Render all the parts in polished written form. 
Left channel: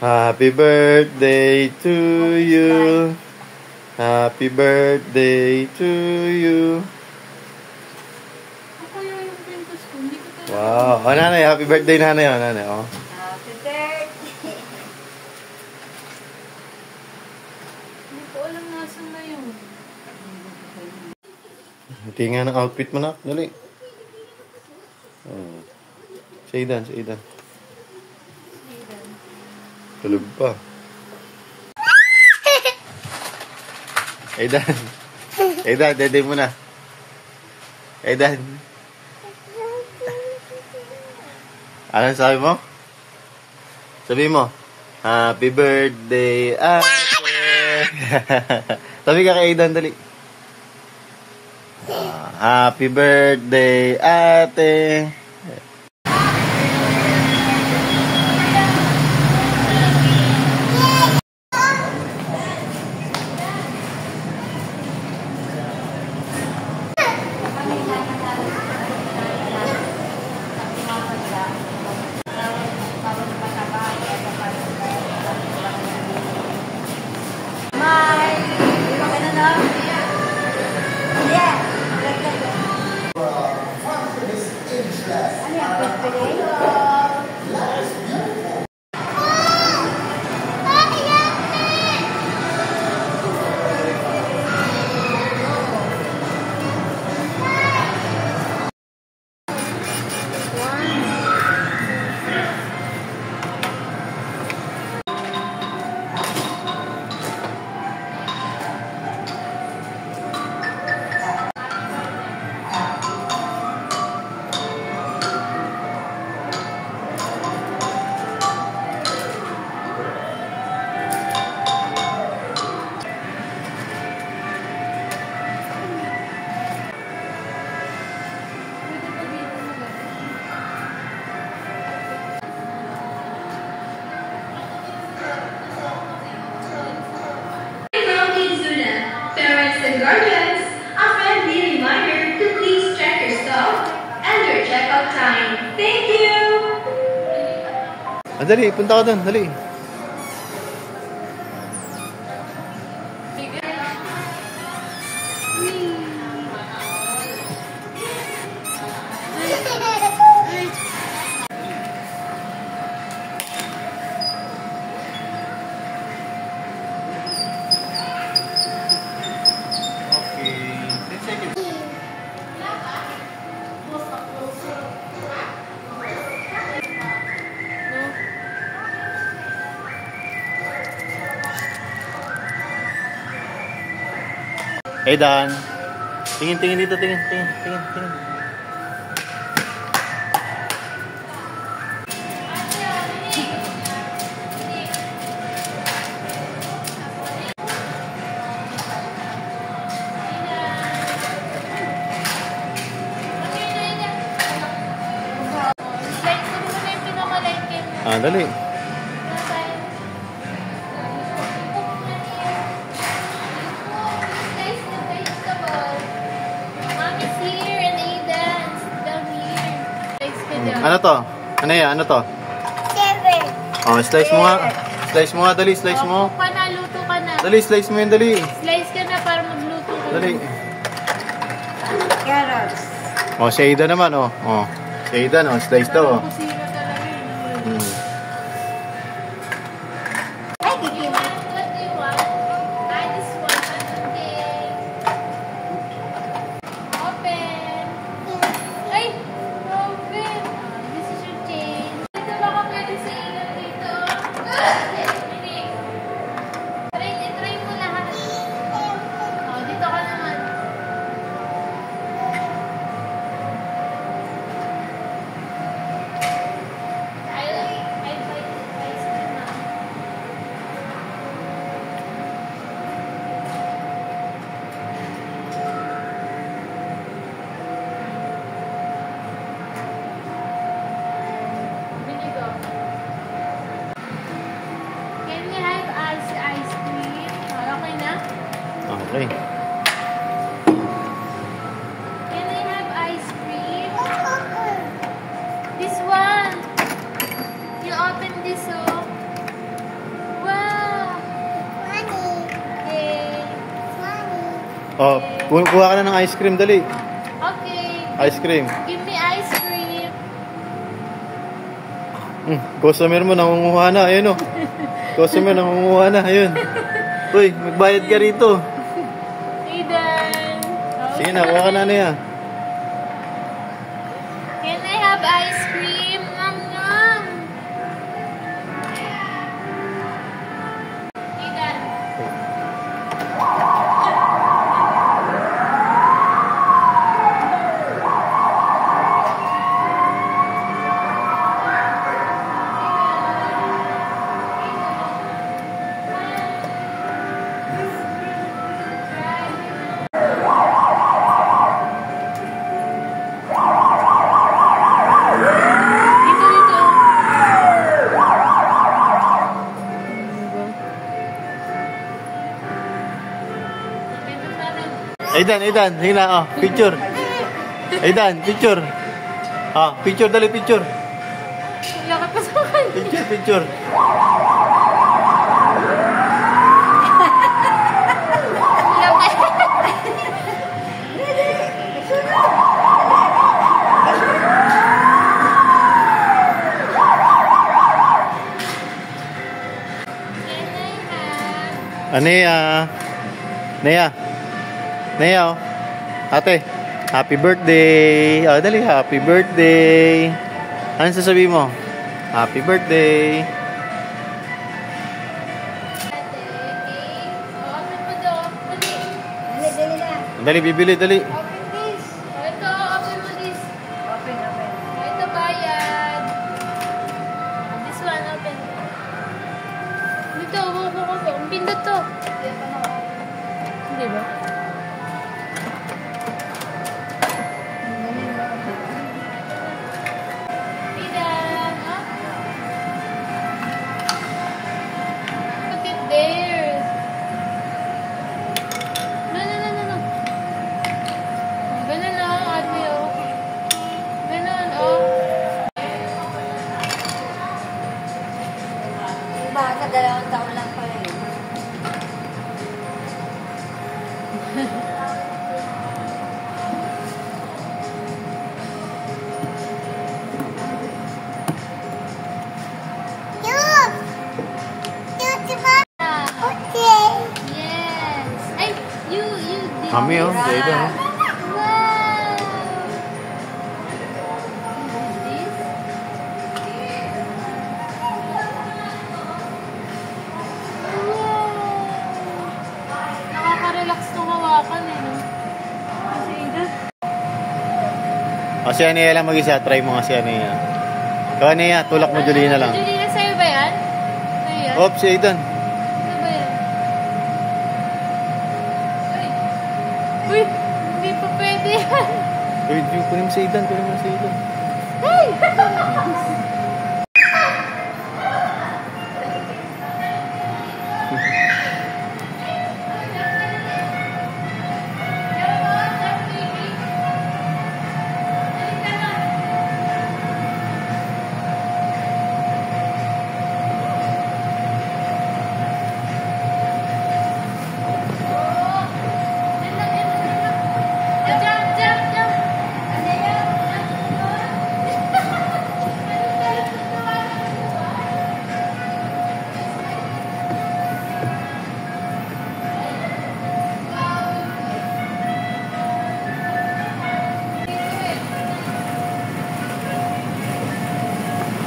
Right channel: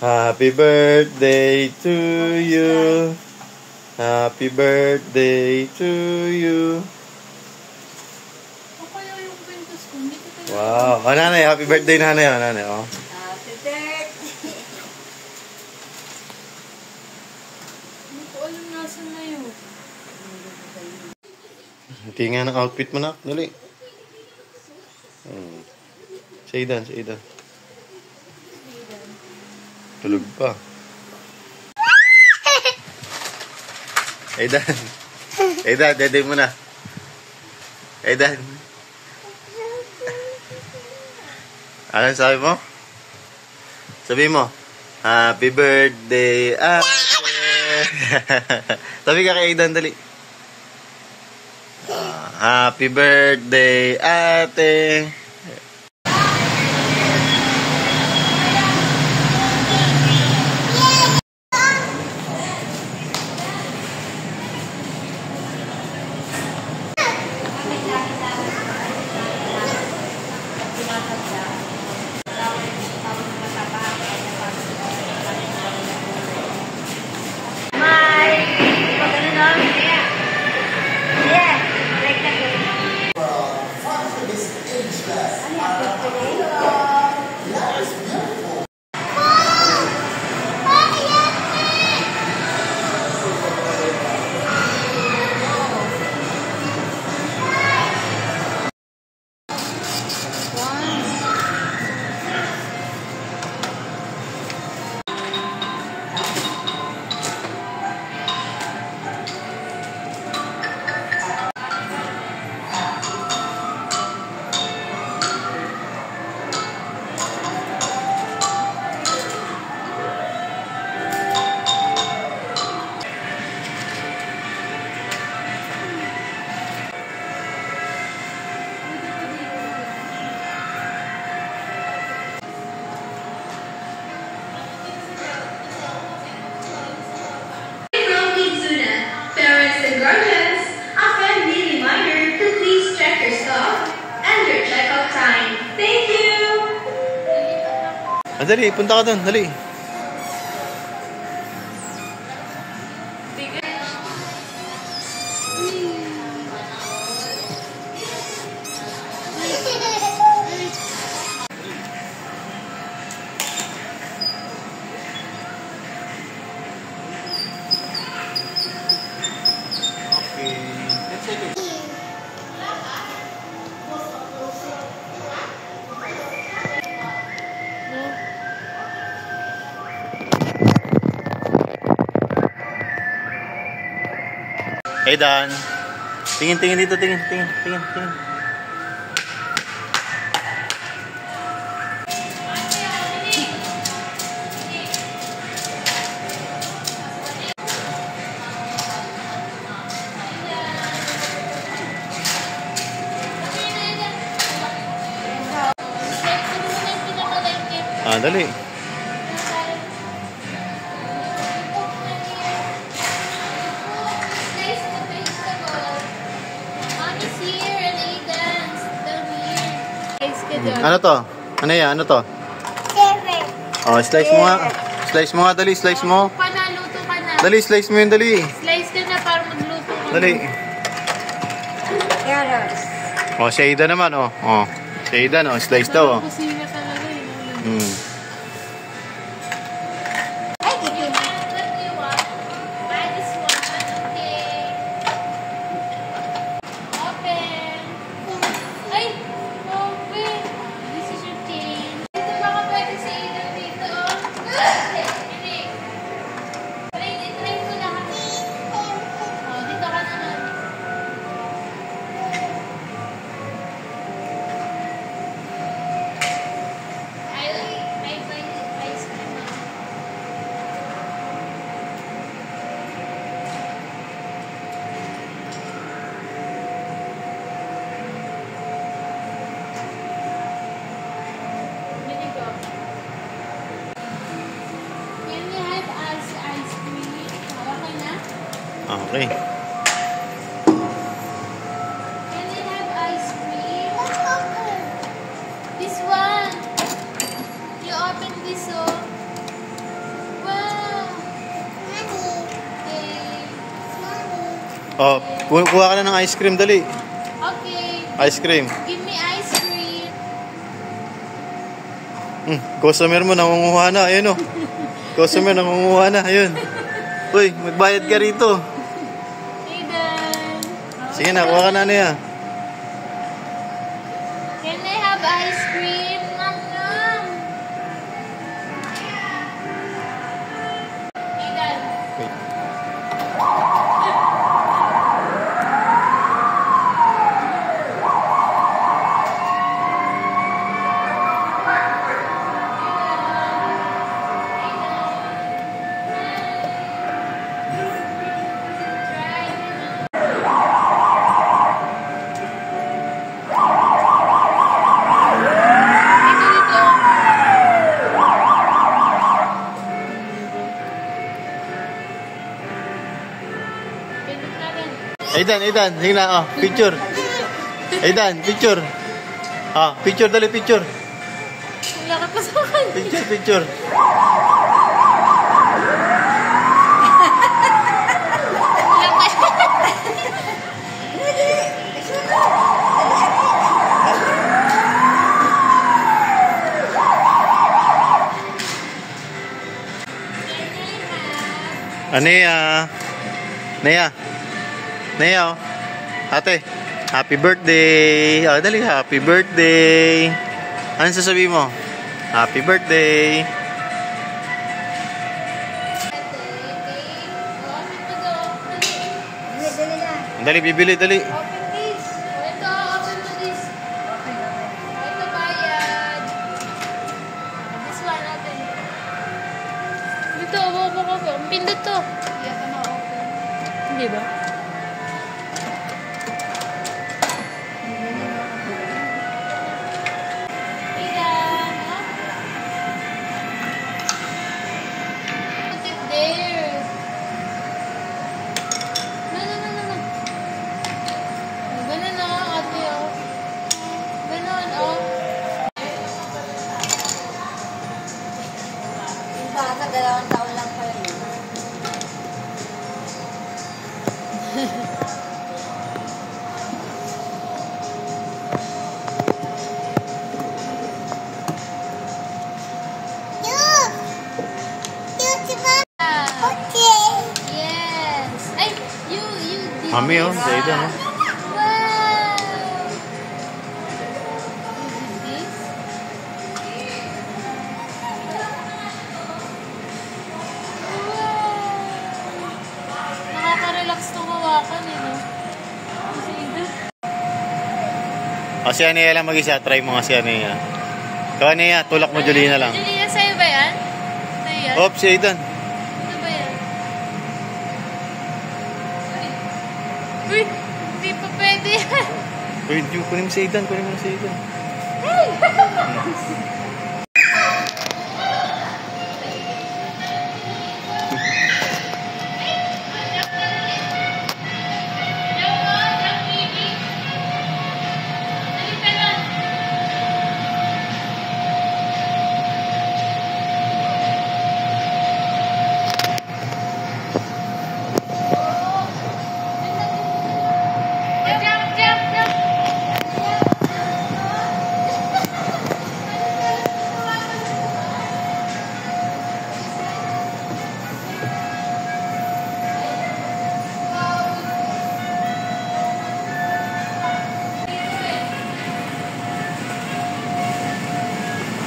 Happy birthday to you. Happy birthday to you. Wow. Oh, nanay. Happy birthday, nanay. Oh, nanay. Oh. Happy birthday. Hindi ko alam nasan na yun. Tingnan ng outfit mo na. Dali. Sa Aidan. Tulog pa. Aidan. Dede mo na. Aidan. Anong sabi mo? Sabi mo, Happy birthday, ate. Tabi ka kay Aidan, dali. Happy birthday, ate. Guardians, a friendly reminder to please check your stuff and your checkout time. Thank you! Dali, punta ka doon, dali. Aidan. Tingin dito, tingin. Dali. Ano to? Ano yan? Ano to? Oh, slice mo nga. Slice mo nga, dali. Slice mo. Luto ka na. Dali, slice mo yun, dali. Slice ka na para magluto ka. Dali. Carrots. Oh, si Aidan naman, oh. Oh. Si Aidan, oh. Slice daw, oh. Kusina talaga eh. Ay, dito. What do you want? I just want. Okay. Open. Ay! Open. This is your change. Dito baka pwede sa ilaw dito. Try mo lahat. Oh, dito ka naman. I buy ice cream na. Can we have ice cream? Okay na? Okay. Can I have ice cream? This one. You open this, oh. Oh, kuha ka na ng ice cream, dali. Okay. Ice cream. Give me ice cream. Customer mo, nangunguha na. Ayun, oh. Customer, nangunguha na. Ayun. Uy, magbayad ka rito. Aiden. Sige na, kuha ka na niya. Can I have ice cream? Nom, nom. Aiden. Dito, dito. Pindot natin. Aidan, sige na, oh, picture. Aidan, picture. Ah, picture, dali, picture. Wala ka pa sa akin. Picture. Wala pa. Can I have? Nea, oh. Ate, happy birthday. Oh, dali, happy birthday. Ano sasabihin mo? Happy birthday. Dali, bibili, dali. Open this. Ito, open mo this. Ito, bayad. This one, open. Dito, upo ko. Ang pindot to. Hindi ba? Put it there. No. Ganun na, ate, oh. Ganun, oh. Baka sa 2 taon lang pa yun. Yes. Ay, you did. Mami, oh, sa Aidan, oh. Wow. You did this? Nakaka-relax tumawa ko, no? Kasi ina. O, si Anea lang mag-isa. Try mo nga si Anea. Ikaw, Anea, tulak mo Julina lang. Julia, sa'yo ba yan? Sa'yo yan? Oops, si Aidan. Ano ba yan? Uy, hindi pa pwede yan. Uy, kunin mo si Aidan. Kunin mo na si Aidan.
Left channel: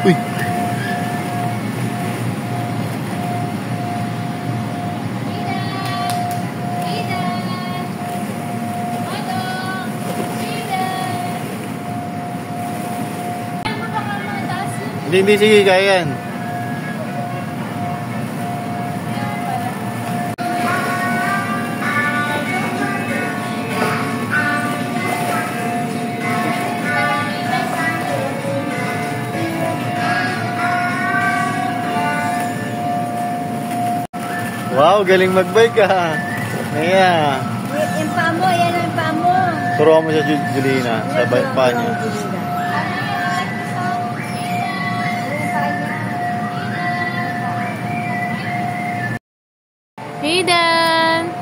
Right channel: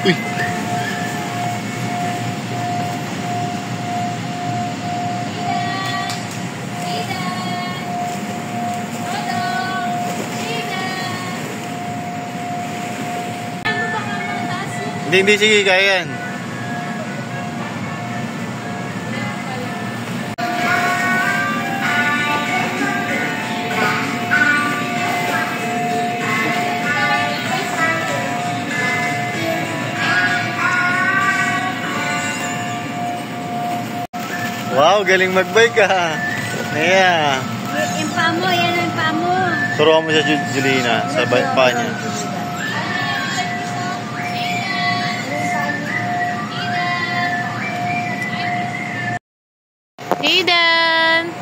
Uy. Hindi, sige, kaya yan. Wow, galing mag-bike ka. Nea. Yung paa mo, yan ang paa mo. Turuan mo siya, Julina, sa paa niya. Aidan!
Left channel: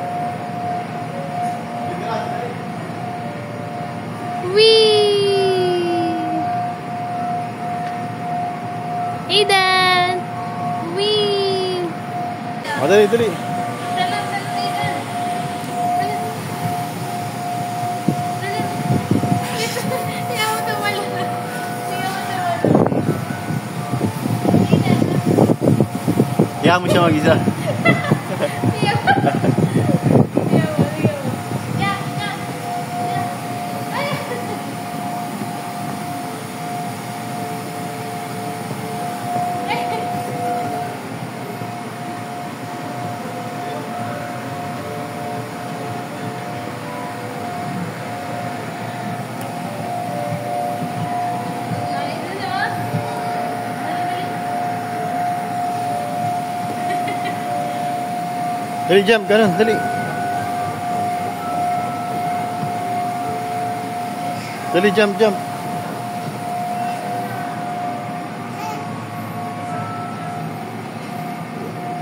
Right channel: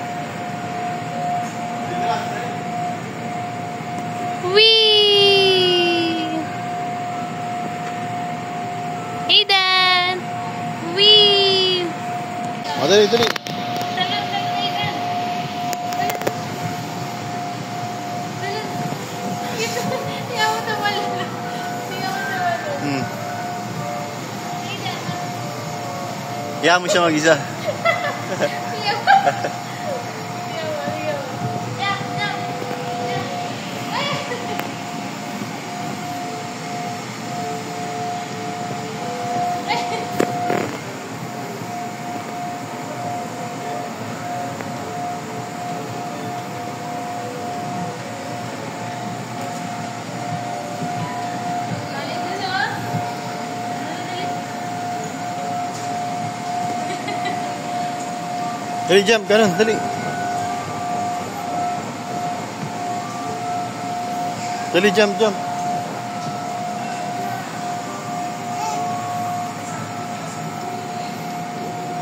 Aiden! Wee! O, dali, dali. Talon, talon, Aiden! Talon! Talon! Dito! Tiyaw mo tumala. Tiyaw mo tumala. Hmm. Aiden! Iyahan mo siya mag-isa. Tiyaw mo! Tiyaw mo, tiyaw mo. Jack, Jack! Jack! Ay! Dali, dali, oh. Dali, dali. Dali, jump. Ganun, dali. Dali, jump, jump.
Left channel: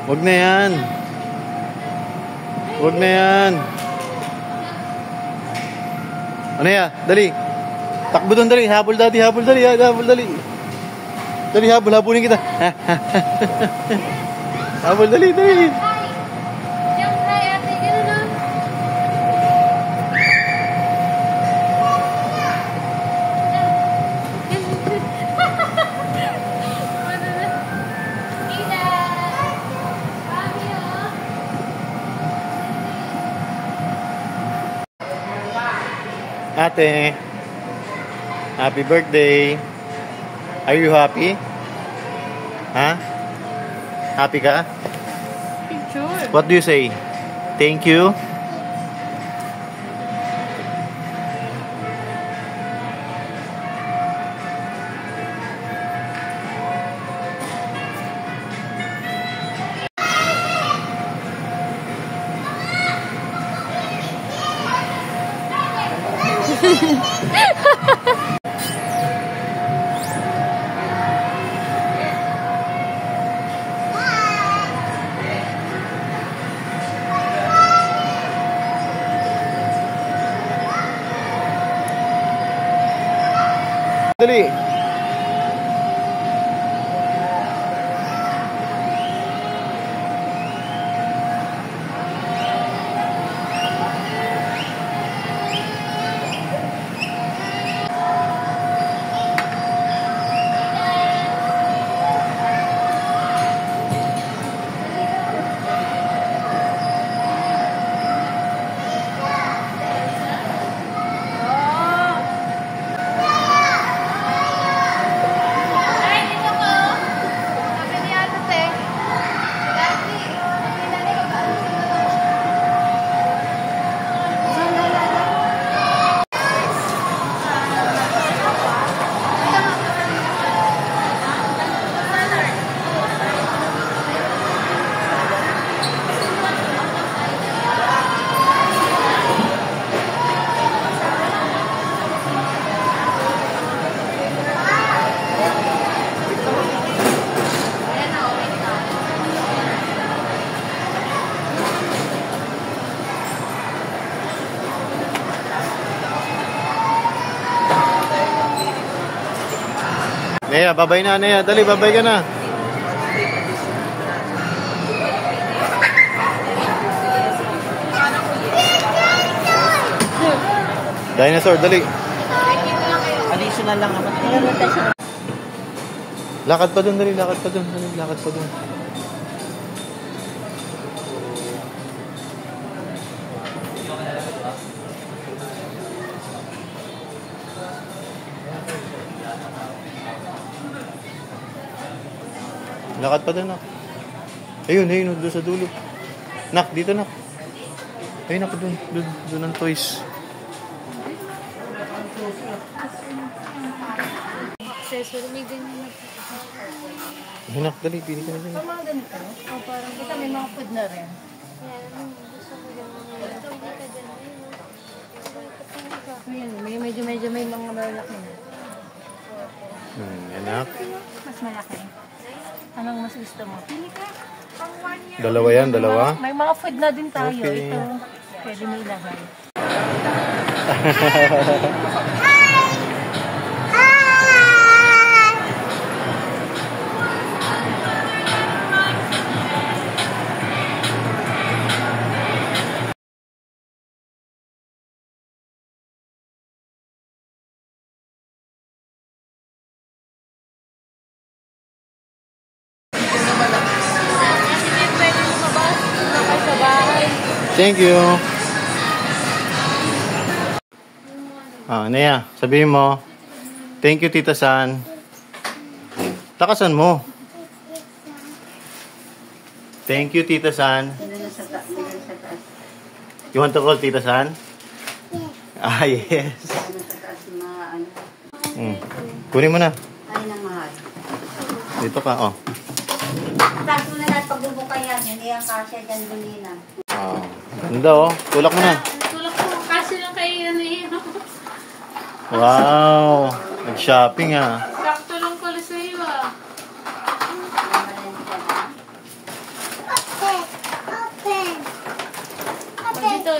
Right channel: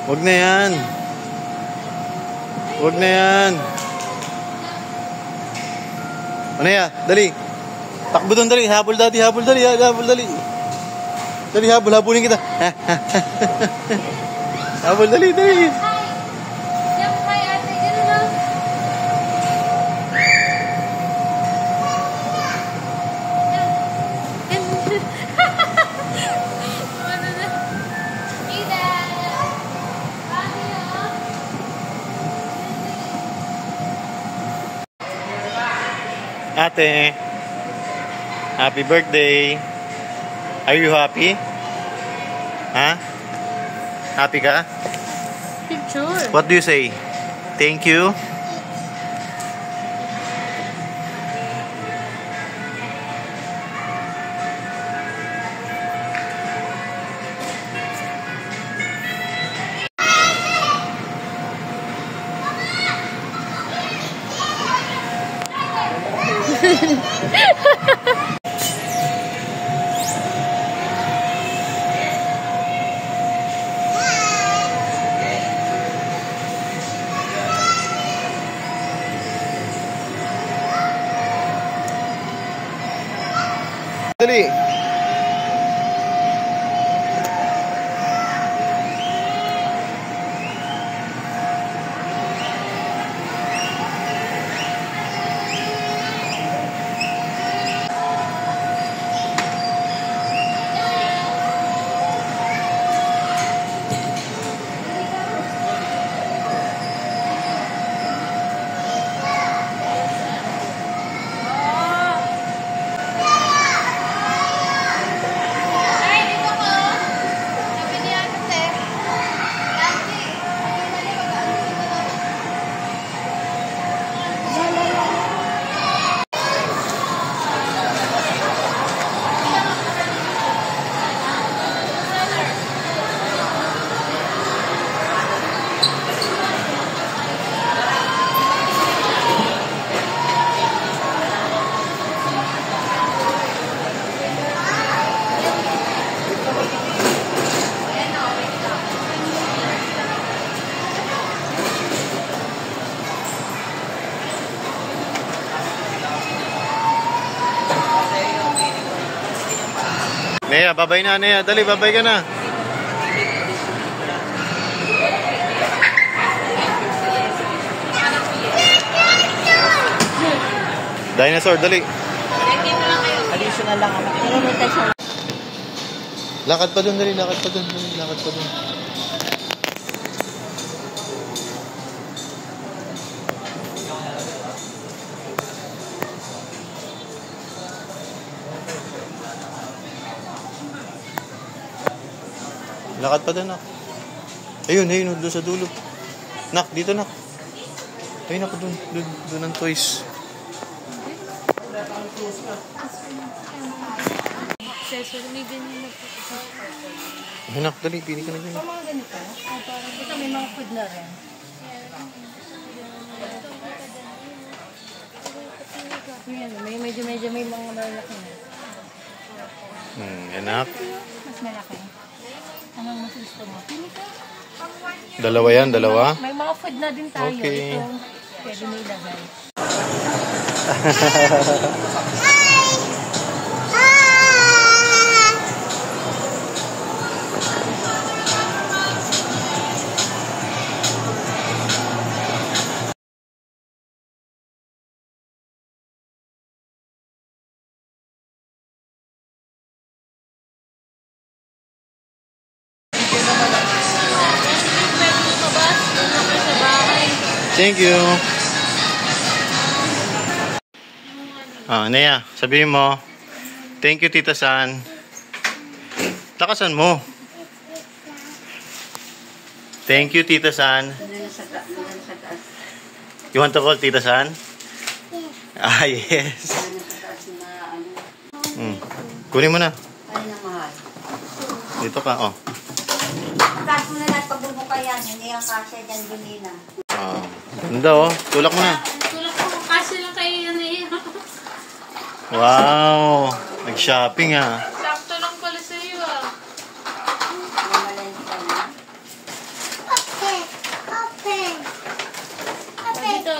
Wag na yan. Wag na yan. Ano ya? Dali. Takbo doon, dali. Habol, daddy. Habol, dali. Habol, dali. Dali, habol. Habulin kita. Habol, dali, dali. Jump kay ate, ganun, oh. Ate, happy birthday. Are you happy? Ha? Happy ka? Picture. What do you say? Thank you? Dali. Ay, dito ko. Sabi ni Ate Sek. Dati, sabi na niya Nea, babay na, Nea. Dali, babay ka na. Dinosaur, dali. Additional lang kami. Lakad pa dun, dali. Lakad pa dun. Dali, lakad pa dun. Lakad pa dun, nak. Ayun, ayun, doon sa dulo. Nak, dito, nak. Ayun, nak, dun. Dun ang toys. accessory, may ganyan na po. Ayun, nak, dali. Pili ka na ganyan. Mga ganito. Ito may mga food na rin. Ayan, medyo may mga malaki na. Anak. Mas malaki. Anong mas gusto mo? Pili ka. Dalawa yan, dalawa. May mga food na din tayo. Okay. Ito, pwede mo ilagay. Thank you. Nea, sabihin mo. Thank you, Tita San. Lakasan mo. Thank you, Tita San. You want to call Tita San? Ah, yes. Kunin mo na. Ay na mahal. Dito ka, oh. Taas mo na lahat pagbubuka yan. Hindi ang kasya dyan binina. Ganda, oh. Tulak mo na. Tulak ko kasi lang kayo yun eh. Wow. Nag-shopping, ah. Sakto lang pala sa'yo ah.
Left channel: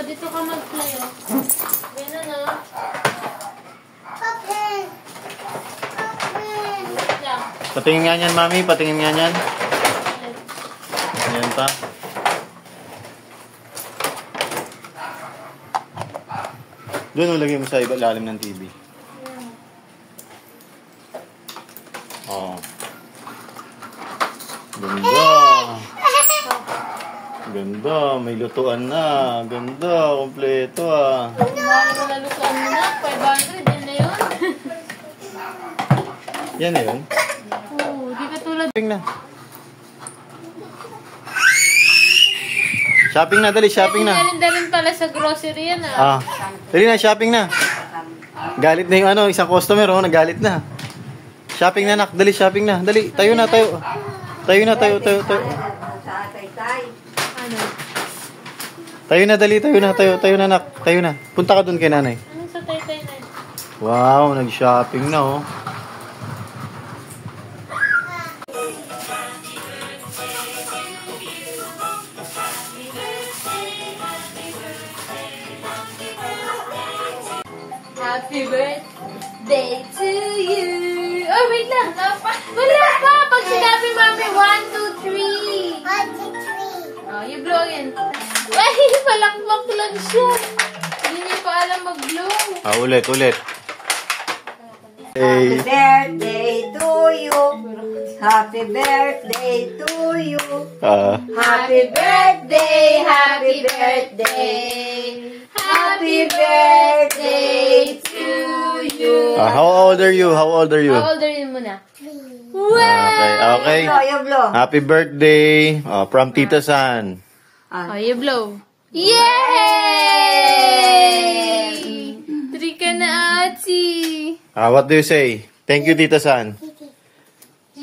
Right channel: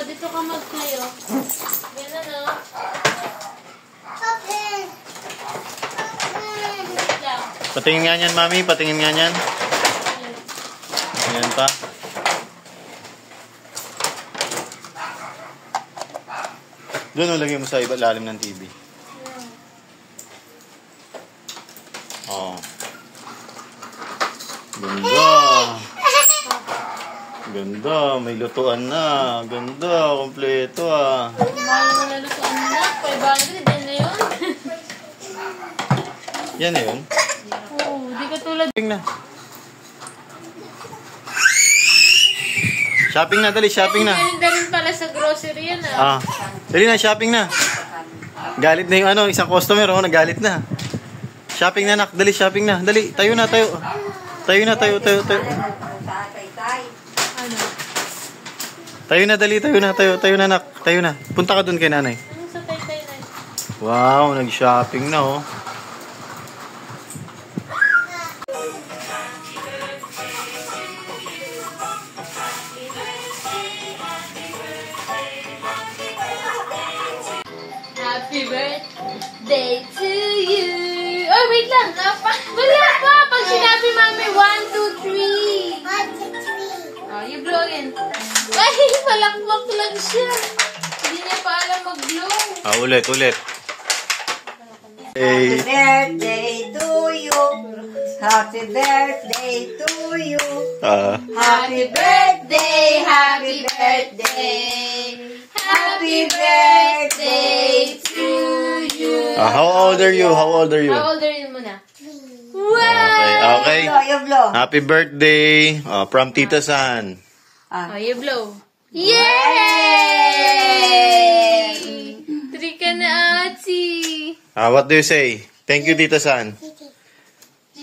Dito ka mag-play oh. Ganun oh. Wait lang. Patingin nga niyan, Mami. Patingin nga niyan. Ayan pa. Doon, lagay mo sa lalim ng TV. Oh. Ganda. Ganda. May lutuan na. Ganda. Kompleto ah. Mahal mo malutuan na. 500 din na yun. Yan na yun. Oo, di ka tulad. Shopping na. Shopping na, dali. Shopping na. Galinda rin pala sa grocery yan ah. Dali na, shopping na. Galit na yung isang customer, oh. Nagalit na. Shopping na, nak. Dali, shopping na. Dali, tayo na, tayo. Tayo na, tayo. Sa atay-tay. Tayo na, dali, tayo na, nak. Tayo na. Punta ka dun kay nanay. Ano sa tay-tay na? Wow, nag-shopping na, oh. Happy birthday to you. Oh, wait lang. Wala pa. Pag sinabi mami, 1, 2, 3. 1, 2, 3. Oh, you blow in. Ay, malakmak lang siya. Hindi niya pa alam mag-blow. Ulit. Happy birthday to you. Happy birthday to you. Happy birthday, happy birthday. Happy birthday to you. How old are you? How old are you muna? Wow! Okay. You blow. Happy birthday from Tita San. Oh, you blow. Yay! 3 ka na, ati. What do you say? Thank you, Tita San.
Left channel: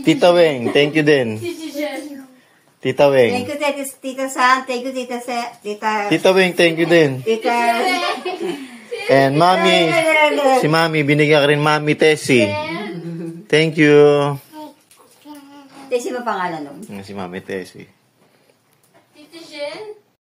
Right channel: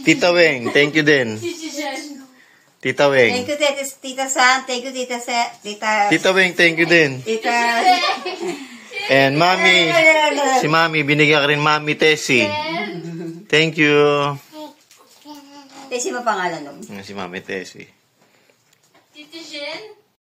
Tita Weng, thank you din. Tita Thank Weng. you, Tita San. Thank you, Tita Tita Weng, thank you din. Tita. And Mami, si Mami, binigyan ka rin Mami Tessie. Thank you. Tessie mo pangalan nun? Si Mami Tessie. Tita Jen?